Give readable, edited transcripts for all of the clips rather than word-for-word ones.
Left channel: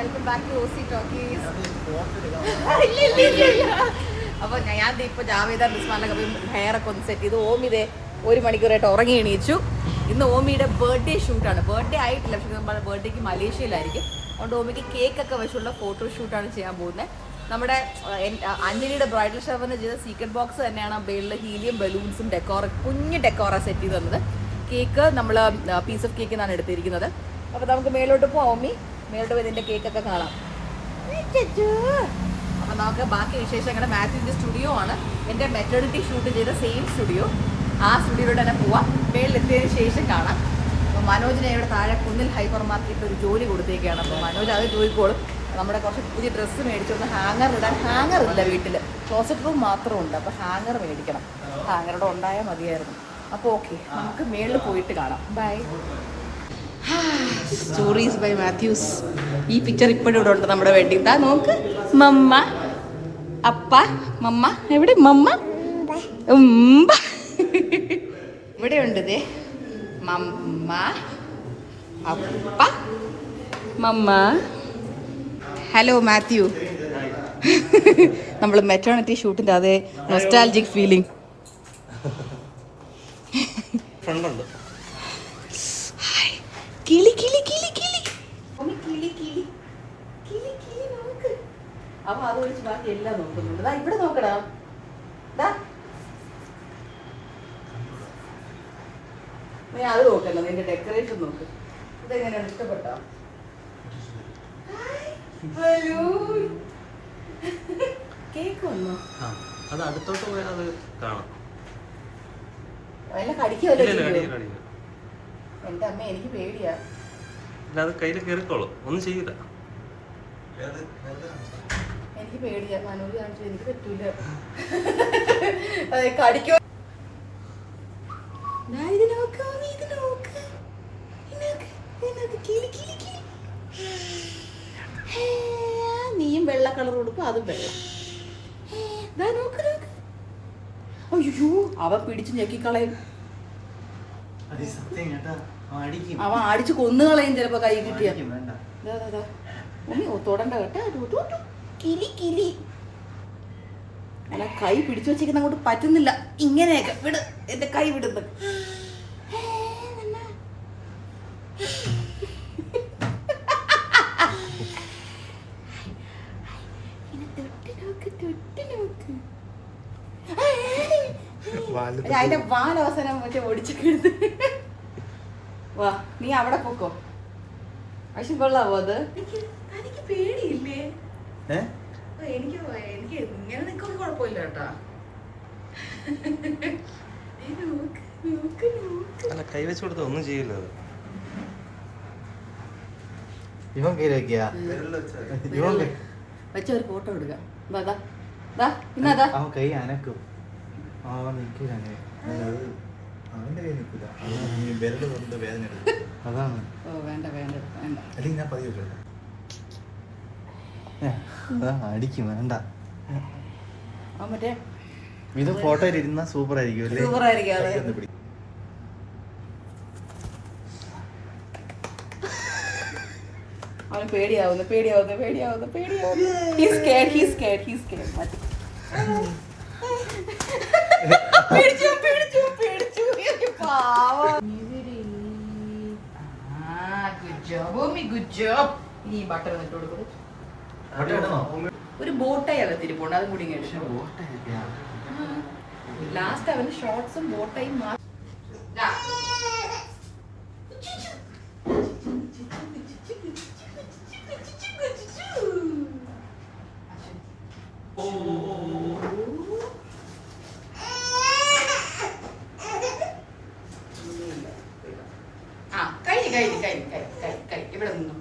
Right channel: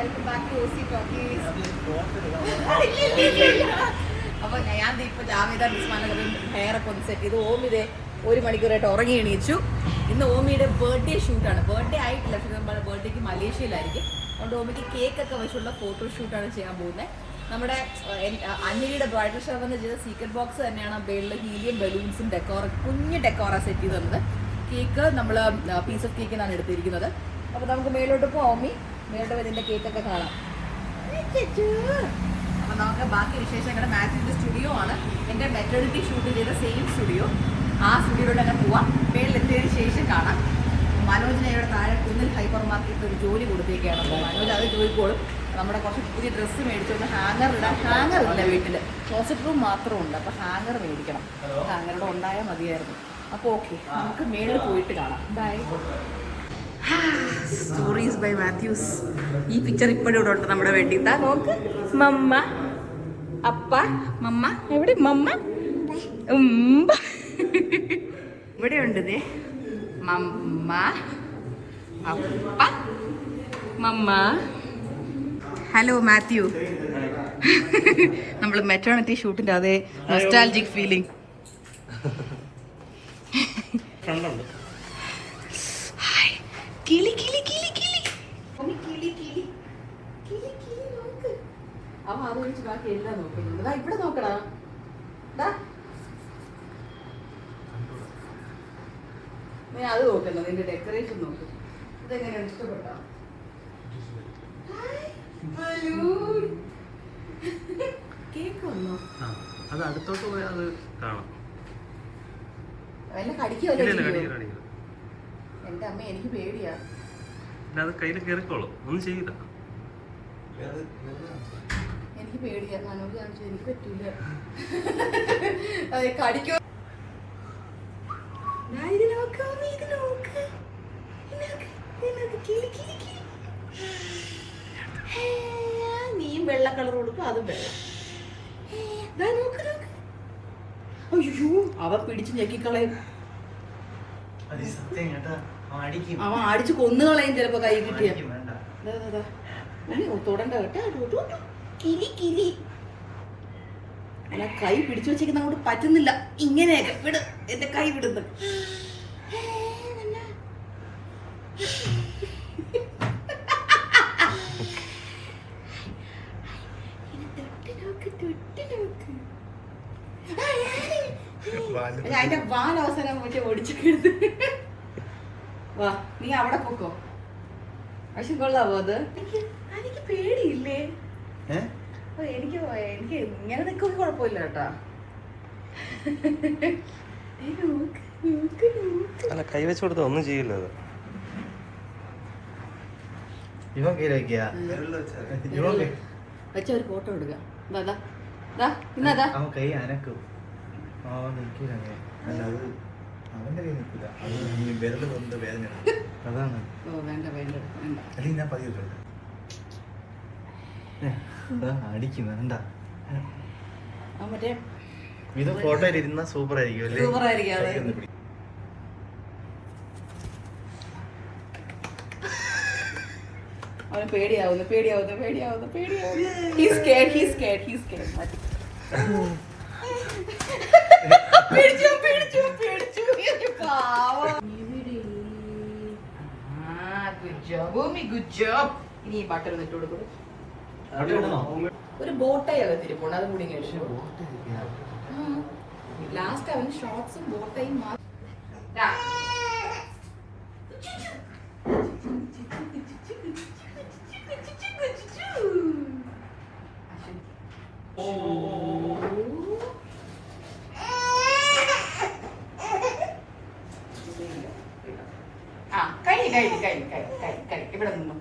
Welcome back to OC Talkies. അപ്പോൾ ഞാൻ ഇപ്പോൾ ജാവേദ ബിസ്മാനൊക്കെ പോയി ഹെയറൊക്കെ ഒന്ന് സെറ്റ് ചെയ്തു. ഓമി ഇതേ 1 മണിക്കൂറായിട്ട് ഉറങ്ങി എണീച്ചു. ഇന്ന് ഓമിയുടെ ബർത്ത്ഡേ ഷൂട്ടാണ്. ബർത്ത്ഡേ ആയിട്ടില്ല, പക്ഷേ നമ്മുടെ ബർത്ത്ഡേക്ക് മലേഷ്യയിലായിരിക്കും. അതുകൊണ്ട് ഓമിക്ക് കേക്കൊക്കെ വെച്ചുള്ള ഫോട്ടോ ഷൂട്ടാണ് ചെയ്യാൻ പോകുന്നത്. നമ്മുടെ അഞ്ജലിയുടെ ബ്രൈഡൽ ഷവറിന് ചെയ്ത സീക്രട്ട് ബോക്സ് തന്നെയാണ് ബേളിൽ ഹീലിയം ബലൂൺസും കുഞ്ഞ് ഡെക്കോറ സെറ്റ് ചെയ്ത് തന്നത്. കേക്ക് നമ്മൾ പീസ് ഓഫ് കേക്ക് എന്നാണ് എടുത്തിരിക്കുന്നത്. അപ്പോൾ നമുക്ക് മേലോട്ട് പോകാം. ഓമി മേലോട്ട് പോയി ഇതിൻ്റെ കേക്കൊക്കെ കാണാം. അപ്പോൾ നമുക്ക് ബാക്കി വിശേഷങ്ങൾ മാത്യുവിൻ്റെ സ്റ്റുഡിയോ ആണ്. എൻ്റെ മെറ്റേണിറ്റി ഷൂട്ട് ചെയ്ത സെയിം സ്റ്റുഡിയോ. ആ സ്റ്റുഡിയോയിലൂടെ തന്നെ പോവാം. മേളിലെത്തിയതിന് ശേഷം കാണാം. അപ്പോൾ മനോജിനെ ഇവിടെ താഴെ കുന്നിൽ ഹൈപ്പർ മാർക്കറ്റിൽ ഒരു ജോലി കൊടുത്തേക്കാണ്. അപ്പോൾ മനോജ് അത് ചോദിക്കോളും. നമ്മുടെ കുറച്ച് പുതിയ ഡ്രസ്സ് മേടിച്ചൊന്ന് ഹാങ്ങർ ഇടാൻ. ഹാങ്ങർ ഇല്ല വീട്ടിൽ, ക്ലോസറ്റ് റൂം മാത്രമുണ്ട്. അപ്പോൾ ഹാങ്ങർ മേടിക്കണം. ഹാങ്ങറുടെ ഉണ്ടായാൽ മതിയായിരുന്നു. അപ്പോൾ ഓക്കെ, നമുക്ക് മേളിൽ പോയിട്ട് കാണാം. ബൈ. Stories by Mathews. ഈ പിക്ചർ ഇപ്പോഴും ഇവിടെ ഉണ്ട് നമ്മുടെ വേണ്ടി. ഇതാ നോക്ക്, മമ്മ അപ്പ. മമ്മ എവിടെ? മമ്മ ഇവിടെ ഉണ്ട്. ഇതേ മമ്മ അപ്പ മമ്മ. ഹലോ മാത്യു. നമ്മൾ മെറ്റേണിറ്റി ഷൂട്ടിൻ്റെ അതേ നൊസ്റ്റാൾജിക് ഫീലിംഗ്. കിളി കിളി കിളി കിളി കിളി കിളി കിളി കിളി നോക്ക്. അവൻ അത് ഒഴിച്ച് ബാക്കി എല്ലാം നോക്കുന്നുണ്ട്. ദാ ഇവിടെ നോക്കടാ. നീ അത് നോക്കല്ലോ, നിന്റെ ഡെക്കറേഷൻ നോക്ക്. ഇതെങ്ങനെയാണ്, ഇഷ്ടപ്പെട്ടോ? കേക്ക് വന്നോ? അത് അടുത്തോട്ട് പോയാൽ അത് കാണാം. എല്ലാം കടിക്കുമല്ലോ. എന്റെ അമ്മ, എനിക്ക് പേടിയാ. അത് കയ്യിൽ കയറിക്കോളൂ, ഒന്നും ചെയ്യില്ല. എനിക്ക് പേടിയാ. മനോജ് കാണിച്ചു, എനിക്ക് പറ്റൂല. കടിക്കോ? നീയും വെള്ള കളർ കൊടുക്കും, അതും വെള്ളം. അയ്യോ, അവൻ പിടിച്ച് ഞെക്കിക്കളയും. അവൻ അടിച്ച് കൊന്നുകളയും ചിലപ്പോ കൈ കിട്ടിയ. തൊടണ്ട കേട്ടോ. കിലി കിലി. അല്ല, കൈ പിടിച്ചു വെച്ചേക്കുന്ന അങ്ങോട്ട് പറ്റുന്നില്ല. ഇങ്ങനെയൊക്കെ വിട്, എന്റെ കൈ വിടുന്നു. അതിന്റെ വാലവസാനം മറ്റേ ഒടിച്ചെടുത്ത്. വാ, നീ അവിടെ പോക്കോ. പക്ഷെ കൊള്ളാവോ അത്? എനിക്ക് പേടിയില്ലേ? എനിക്ക് ഇങ്ങനെ നിൽക്കുമ്പോ കുഴപ്പമില്ല കേട്ടോ. അല്ല, കൈ വെച്ച് കൊടുത്ത ഒന്നും ചെയ്യില്ല. അത് വെച്ച ഒരു ഫോട്ടോ എടുക്കാം. ഇന്നതാ കൈ അനക്കും. അവന്റെ കൈ നിൽക്കില്ല. വിരല് കൊണ്ട് വേദന അതാണ്. ഓ വേണ്ട വേണ്ട വേണ്ട. അല്ലെങ്കിൽ ഞാൻ പതിവ് അടിക്കും. വേണ്ട. മറ്റേ ഇത് ഫോട്ടോയിൽ ഇരുന്ന സൂപ്പർ ആയിരിക്കും. സൂപ്പർ ആയിരിക്കും. അവന് പേടിയാവുന്നു. He's scared. മതി. പേടിച്ചു. Good job. ഇനി ബട്ടൺ ഇട്ട് കൊടുക്കും. ഒരു ബോട്ടായി അകത്തിരിപ്പുണ്ട്, അതും കൂടി ലാസ്റ്റ് അവന് ഷോർട്സും ബോട്ടയും കഴി ഇവിടെ നിന്നു.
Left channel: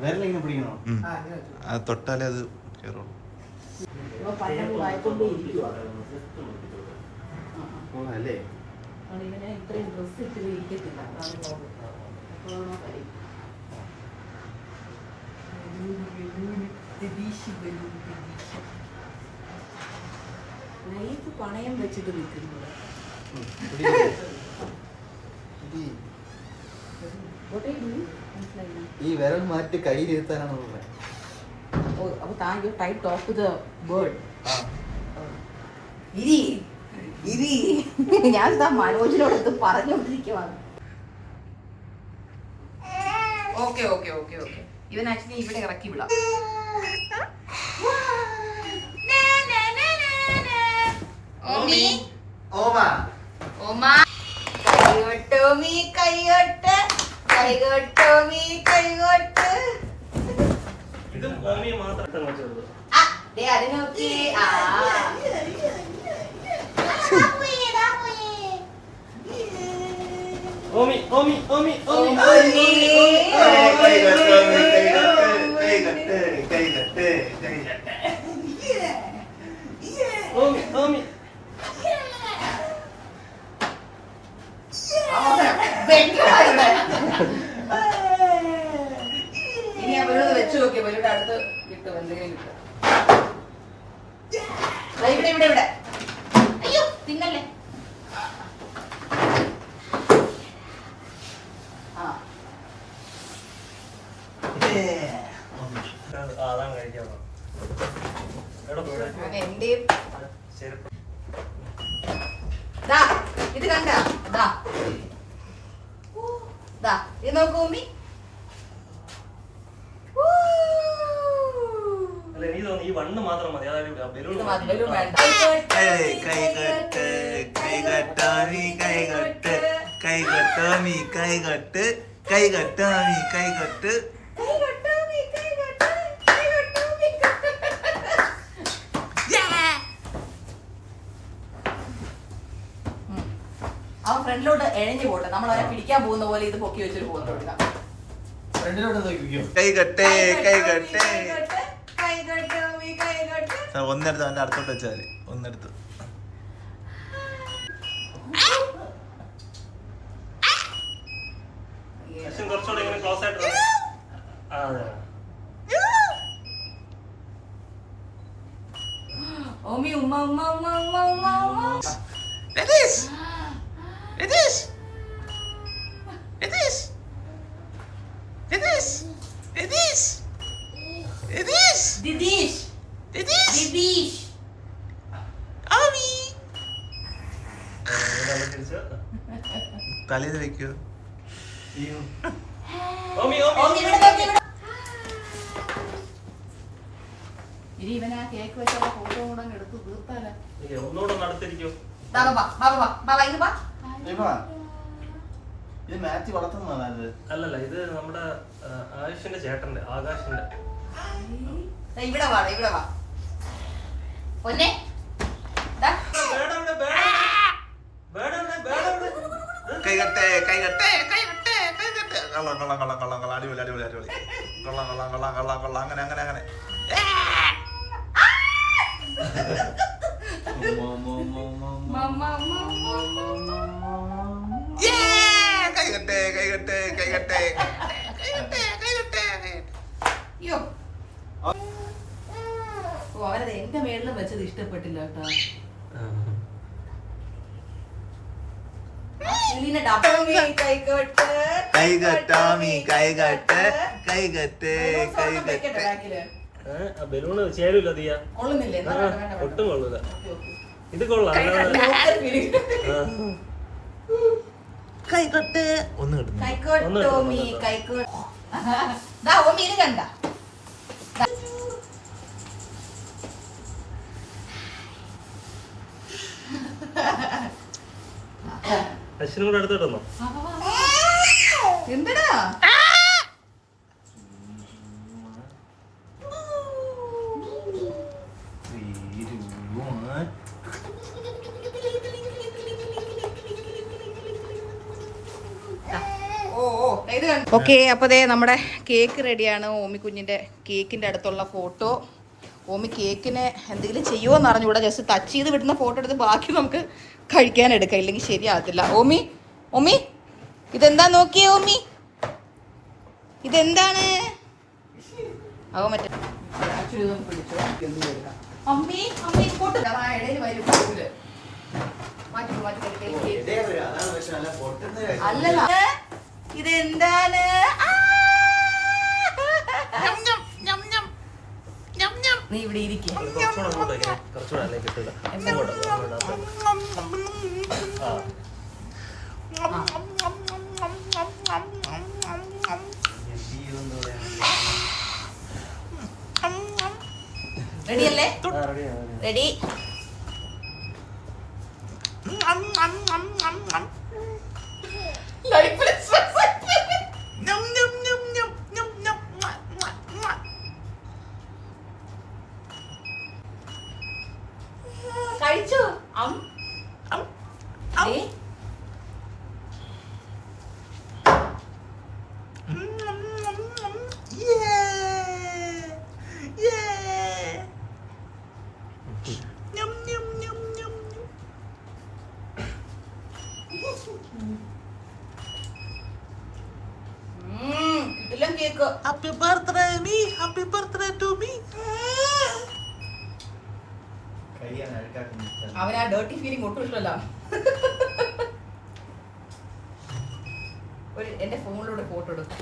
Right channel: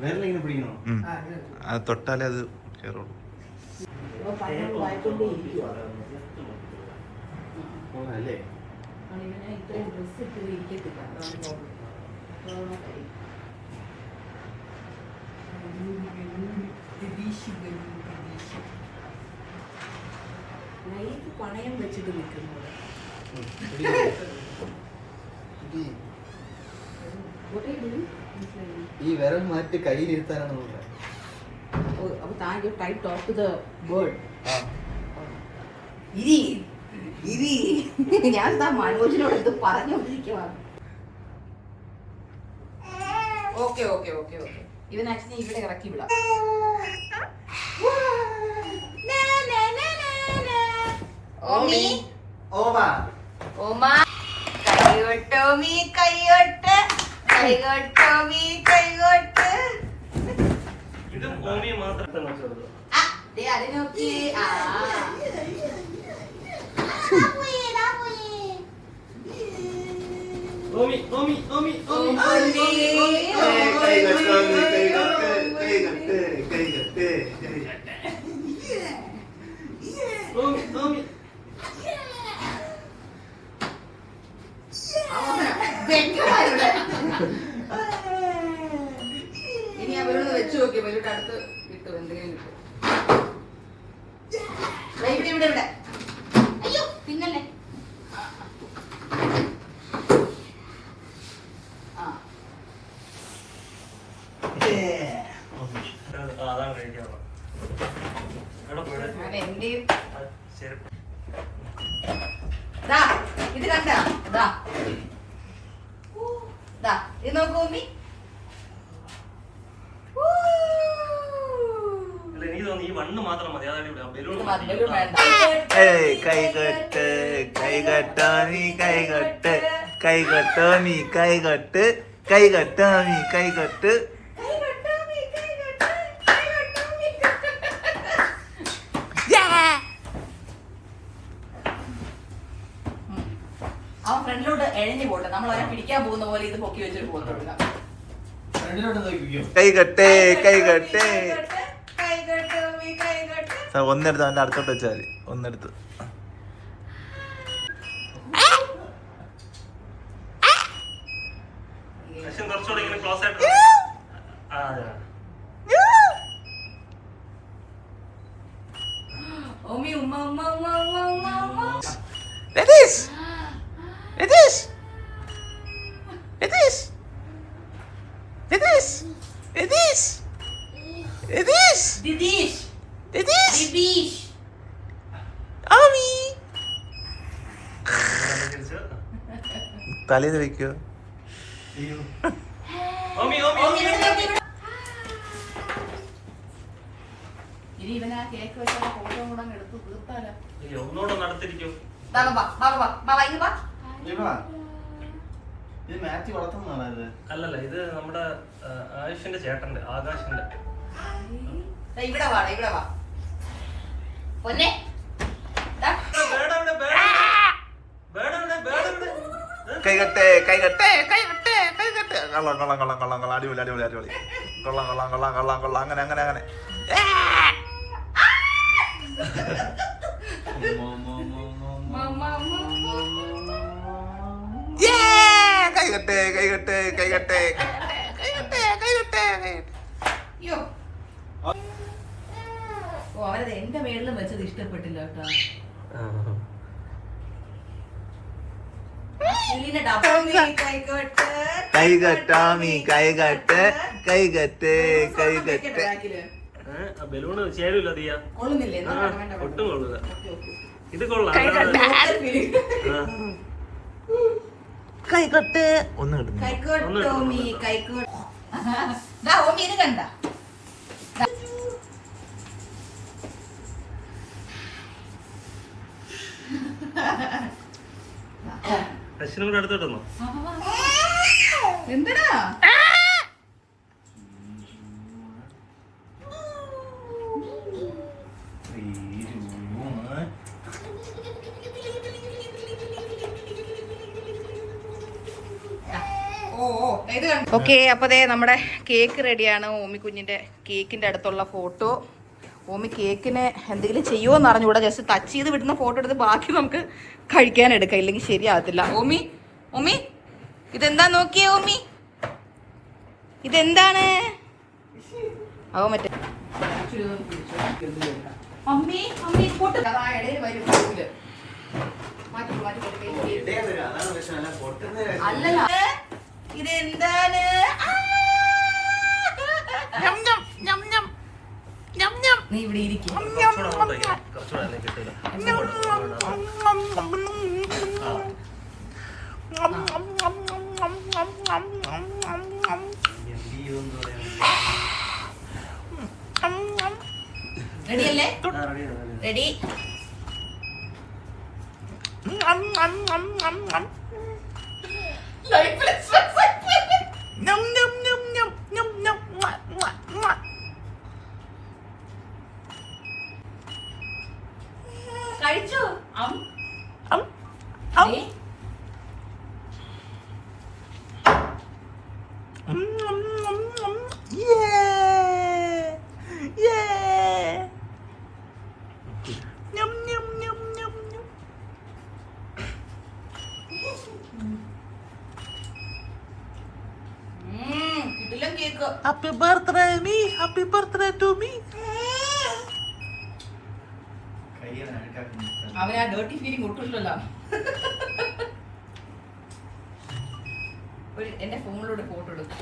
വേറെ പിടിക്കണോ? അത് തൊട്ടാലേ അത് കയറുള്ളൂ. അല്ലേ ഇത്രയും ഡ്രസ് ഇട്ട് ഇരിക്കത്തില്ല. ലൈഫ് പണയം വെച്ചിട്ട് നിൽക്കുന്നത്. ഈ വിരൽ മാറ്റി കയ്യിലിരുത്താനാണ് അപ്പൊ thank you tie talk to the bird. ഇരി ഇരി ഞാൻ മനോജിനോട് എന്ത് പറഞ്ഞുകൊണ്ടിരിക്കുവാണ്. ഓക്കെ ഓക്കെ ഓക്കെ ഓക്കെ ഇവൻ ആക്ച്വലി ഇവിടെ ഇറക്കി വിടാം. ഓമി ഓമ ഓമ കൈകൊട്ടോമി കൈകൊട്ട് കൈകൊട്ടോമി കൈകൊട്ട്. ഇത് ഓമി മാത്രം വെച്ചെടുത്തു. ആ ദേ അത് നോക്കി. ആ ഓമി ഓമി ഓമി ഓമി ഓമി ഓമി ഇനി അവരോട് വെച്ച് നോക്കി അവരോട് അടുത്ത് കിട്ടും എന്തെങ്കിലും കിട്ടും. ഇവിടെ ഇവിടെ ഇവിടെ അയ്യോ തിന്നല്ലേ. അതാണ് കഴിക്കാറ്. എന്റെയും ശരി ഇത് കണ്ട ഇത് നോക്കൂ ഉമ്മി. എനിക്ക് തോന്നുന്നു ഈ വണ്ണ് മാത്രം മതി. ഇത് മധുരം വേണ്ട. കൈകൊട്ട് കൈകൊട്ടോമി കൈകൊട്ട് കൈകൊട്ടോമി കൈകൊട്ട് കൈകൊട്ടോമി കൈകൊട്ട്. അവൻ ഫ്രണ്ടിലോട്ട് എഴഞ്ഞു പോട്ടെ. നമ്മൾ അവരെ പിടിക്കാൻ പോകുന്ന പോലെ ഇത് പൊക്കി വെച്ചിട്ട് പോകുന്നു കൊടുക്കാം. കൈകൊട്ടേ കൈകൊട്ടേ. ഒന്നെടുത്ത് അവന്റെ അടുത്തോട്ട് വെച്ചാൽ മതി. ഒന്നെടുത്ത് കുറച്ചുകൂടെ ഇങ്ങനെ ക്ലോസ് ആയിട്ട്. ഓമി ഉമ്മ ഉമ്മ ഉമ്മ ഉമ്മ ഉമ്മ ഉമ്മ. രതീഷ് രതീഷ് രതീഷ് രതീഷ് രതീഷ് രതീഷ് ദിദീഷ് രതീഷ് ദിദീഷ് ആമി. തലേന്ന് വെക്കോ? ഓമി ഓമി ഓമി ഇവിടെ നോക്കി ഇവിടെ. ഇനി ഇവനാ കേക്ക് വെച്ചുള്ള ഫോട്ടോ കൂടെ അങ്ങ് എടുത്ത് തീർത്താലോ. ഒന്നുകൂടെ നടത്തിരിക്കും. ഇത് മാറ്റി വളർത്തുന്നതാണ്. അല്ലല്ല ഇത് നമ്മുടെ ആയുഷിന്റെ ചേട്ടന്റെ ആകാശിന്റെ. ഇവിടെ വാ ഇവിടെ വാ പൊന്നെ. കൈകട്ടെ കൈകട്ടെ കൈകട്ടെ കൈകട്ടെ. കൊള്ളാം കൊള്ളാം കൊള്ളാം കൊള്ളാം കൊള്ളാം. അടിപൊളി അടിപൊളി അടിപൊളി. കൊള്ളാം കൊള്ളാം കൊള്ളാം കൊള്ളാം കൊള്ളാം. അങ്ങനെ അങ്ങനെ അങ്ങനെ. കൈകട്ടെ കൈകട്ടെ കൈകട്ടെ കൈകട്ടെ കൈകട്ടെ. അയ്യോ ഓ അവരത് എന്റെ മേളിലും വെച്ചത് ഇഷ്ടപ്പെട്ടില്ല കേട്ടോ. കൈകട്ടാമി കൈകട്ട് കൈകട്ട് കൈകട്ട്. ബലൂണ് ചേരൂല തീയ. കൊള്ളുന്നില്ലേ? ഒട്ടും കൊള്ളൂല. ഇത് കൊള്ളാം. കൈകട്ട് ഒന്ന് കിട്ടുന്നു. കൈക്കോട്ടോമി കൈക്കോട്ട്. ഓമി ഇത് കണ്ട അശ്വിനും കൂടെ എടുത്തിട്ടുണ്ടോ? എന്തടാ ഓക്കെ. അപ്പോൾ ദേ നമ്മുടെ കേക്ക് റെഡിയാണ്. ഓമി കുഞ്ഞിൻ്റെ കേക്കിൻ്റെ അടുത്തുള്ള ഫോട്ടോ. ഓമി കേക്കിനെ എന്തെങ്കിലും ചെയ്യുമോ എന്ന് അറിഞ്ഞുകൂടാ. ജസ്റ്റ് ടച്ച് ചെയ്ത് വിടുന്ന ഫോട്ടോ എടുത്ത് ബാക്കി നമുക്ക് കഴിക്കാൻ എടുക്കാം, ഇല്ലെങ്കിൽ ശരിയാകത്തില്ല. ഓമി ഓമി ഇതെന്താ നോക്കിയേ ഓമി? ഇതെന്താണ്? അവ മറ്റേ അമ്മി അമ്മി പൊട്ട് ഇടയിൽ വരും. അല്ലല്ല ഇതെന്താണ്? നീ ഇവിടെ ഇരിക്കും. റെഡിയല്ലേ? റെഡി. കഴിച്ചോ? Happy birthday me, happy birthday to me. അവനാ ഡേർട്ടി ഫീലിംഗ് ഒട്ടും ഇഷ്ടമല്ല. എന്റെ ഫോണിലൂടെ ഫോട്ടോ എടുക്കും.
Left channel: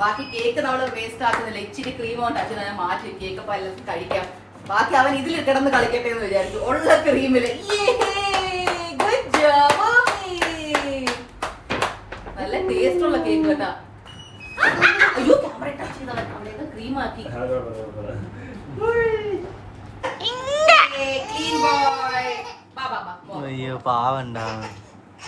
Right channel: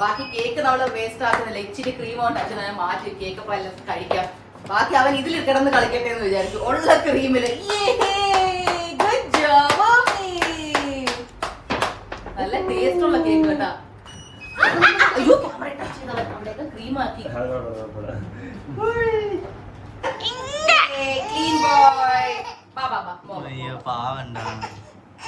ബാക്കി കേക്ക് നമ്മള് വേസ്റ്റ് ആക്കുന്നില്ല. ഇച്ചിരി ക്രീം കൊണ്ട് അച്ഛനെ മാറ്റി കേക്ക് അപ്പൊ എല്ലാം കഴിക്കാം. ബാക്കി അവൻ ഇതിൽ കിടന്ന് കളിക്കട്ടെ എന്ന് വിചാരിച്ചു. ഉള്ള ക്രീമില് നല്ല ടേസ്റ്റ് ഉള്ള കേക്ക് കേട്ടാ. അയ്യോ ക്യാമറ ടച്ച് ചെയ്തവൻ അവിടെയൊക്കെ ക്രീം ആക്കി. അയ്യോ പാവണ്ട.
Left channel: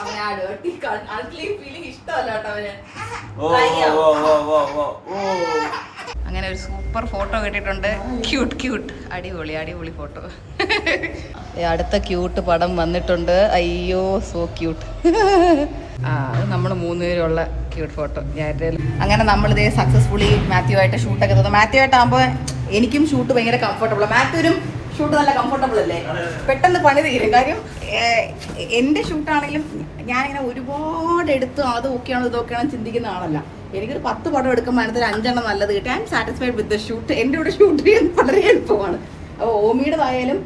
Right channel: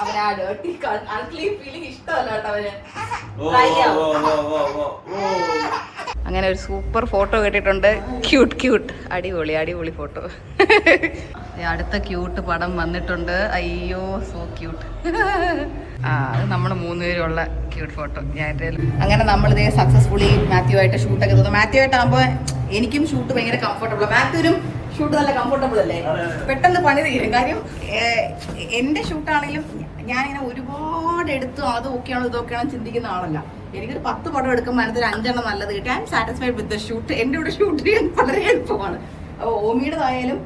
അവനാ ഡേർട്ടി അൺക്ലീൻ ഫീലിംഗ് ഇഷ്ടമല്ല കേട്ടോ അവന്. അങ്ങനെ ഒരു സൂപ്പർ ഫോട്ടോ കിട്ടിയിട്ടുണ്ട്. ക്യൂട്ട് ക്യൂട്ട് അടിപൊളി അടിപൊളി ഫോട്ടോ. അടുത്ത ക്യൂട്ട് പടം വന്നിട്ടുണ്ട്. അയ്യോ സോ ക്യൂട്ട്. അത് നമ്മൾ 3 പേരുള്ള ക്യൂട്ട് ഫോട്ടോ. അങ്ങനെ നമ്മളിതേ സക്സസ്ഫുള്ളി മാത്യു ആയിട്ട് ഷൂട്ടൊക്കെ തോന്നുന്നു. മാത്യു ആയിട്ടാകുമ്പോൾ എനിക്കും ഷൂട്ട് ഭയങ്കര കംഫർട്ടബിൾ. മാത്യുവിനും ഷൂട്ട് നല്ല കംഫർട്ടബിൾ അല്ലേ? പെട്ടെന്ന് പണി തീരും. കാര്യം എൻ്റെ ഷൂട്ടാണെങ്കിലും ഞാനിങ്ങനെ ഒരുപാട് എടുത്തു അത് ഓക്കെയാണോ ഇതൊക്കെയാണോ ചിന്തിക്കുന്ന ആളല്ല. എനിക്കൊരു 10 പടം എടുക്കുമ്പോൾ അതിനകത്ത് 5 എണ്ണം നല്ലത് കിട്ടി. I M satisfied with the shoot. എൻ്റെ കൂടെ ഷൂട്ട് ചെയ്യാൻ വളരെ എളുപ്പമാണ്. അപ്പോൾ ഓമിയുടേതായാലും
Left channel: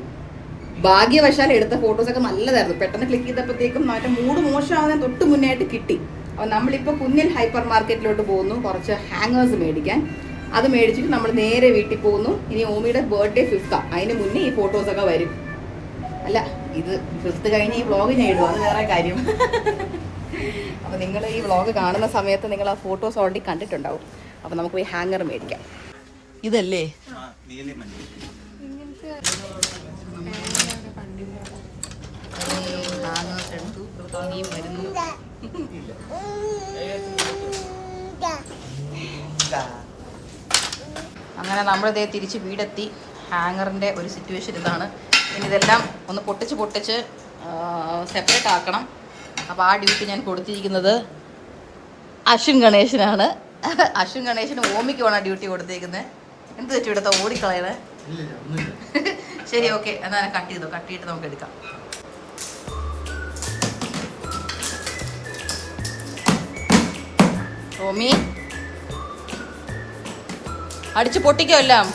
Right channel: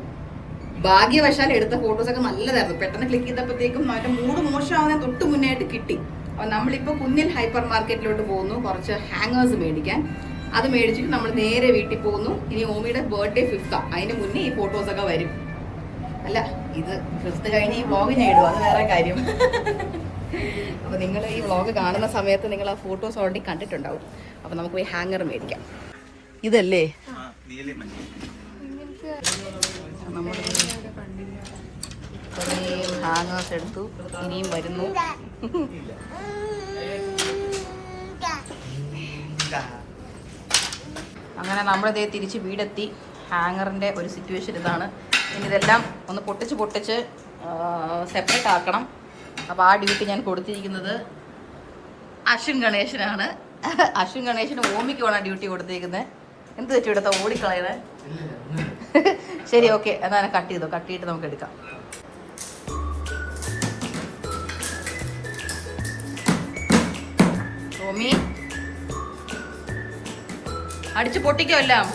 ഭാഗ്യവശാൽ എടുത്ത ഫോട്ടോസൊക്കെ നല്ലതായിരുന്നു. പെട്ടെന്ന് ക്ലിക്ക് ചെയ്തപ്പോഴത്തേക്കും മറ്റേ മൂഡ് മോശമാവാൻ തൊട്ട് മുന്നേ ആയിട്ട് കിട്ടി. അപ്പോൾ നമ്മളിപ്പോൾ കുഞ്ഞിൽ ഹൈപ്പർ മാർക്കറ്റിലോട്ട് പോകുന്നു കുറച്ച് ഹാങ്ങേഴ്സ് മേടിക്കാൻ. അത് മേടിച്ചിട്ട് നമ്മൾ നേരെ വീട്ടിൽ പോകുന്നു. ഇനി ഓമിയുടെ ബർത്ത്ഡേ 5th. അതിന് മുന്നേ ഈ ഫോട്ടോസൊക്കെ വരും. അല്ല ഇത് 5th കഴിഞ്ഞ് ഈ വ്ളോഗ് ഞാൻ ഇടും. അത് വേറെ കാര്യം. അപ്പോൾ നിങ്ങൾ ഈ വ്ളോഗ് കാണുന്ന സമയത്ത് നിങ്ങൾ ആ ഫോട്ടോസ് ഓൾറെഡി കണ്ടിട്ടുണ്ടാവും. അപ്പോൾ നമുക്ക് പോയി ഹാങ്ങർ മേടിക്കാം. ഇതല്ലേ നമ്മൾ ഹാങ്ങേഴ്സ് എടുത്തു. ഇനിയും വരുന്നു. അങ്ങനെ നമ്മളിതേ തിരിച്ച് വീടെത്തി. ഹാങ്ങറിൻ്റെ ഒരു സിറ്റുവേഷൻ ഇതാണ്. ഇനി ഇതെല്ലാം ഒന്ന് പൊട്ടിച്ച് സെപ്പറേറ്റ് ആക്കണം. അപ്പോൾ ആ ഡ്യൂട്ടി ഞാൻ കൊടുത്തിരിക്കുന്നത് അശ്വിൻ ഗണേശനാണ്. അശ്വിൻ ഗണേശന് ഓമിക്കുമാണ് ഡ്യൂട്ടി കൊടുത്തിരിക്കുന്നത്. എന്ത് വെച്ചു എടുത്ത ഓടിക്കളയണേ. ശരി ഓക്കെ എന്നാൽ കട്ട് ചെയ്തിട്ട് നമുക്ക് എടുക്കാം. ഓമി അടിച്ച് പൊട്ടിക്കോ എല്ലാം.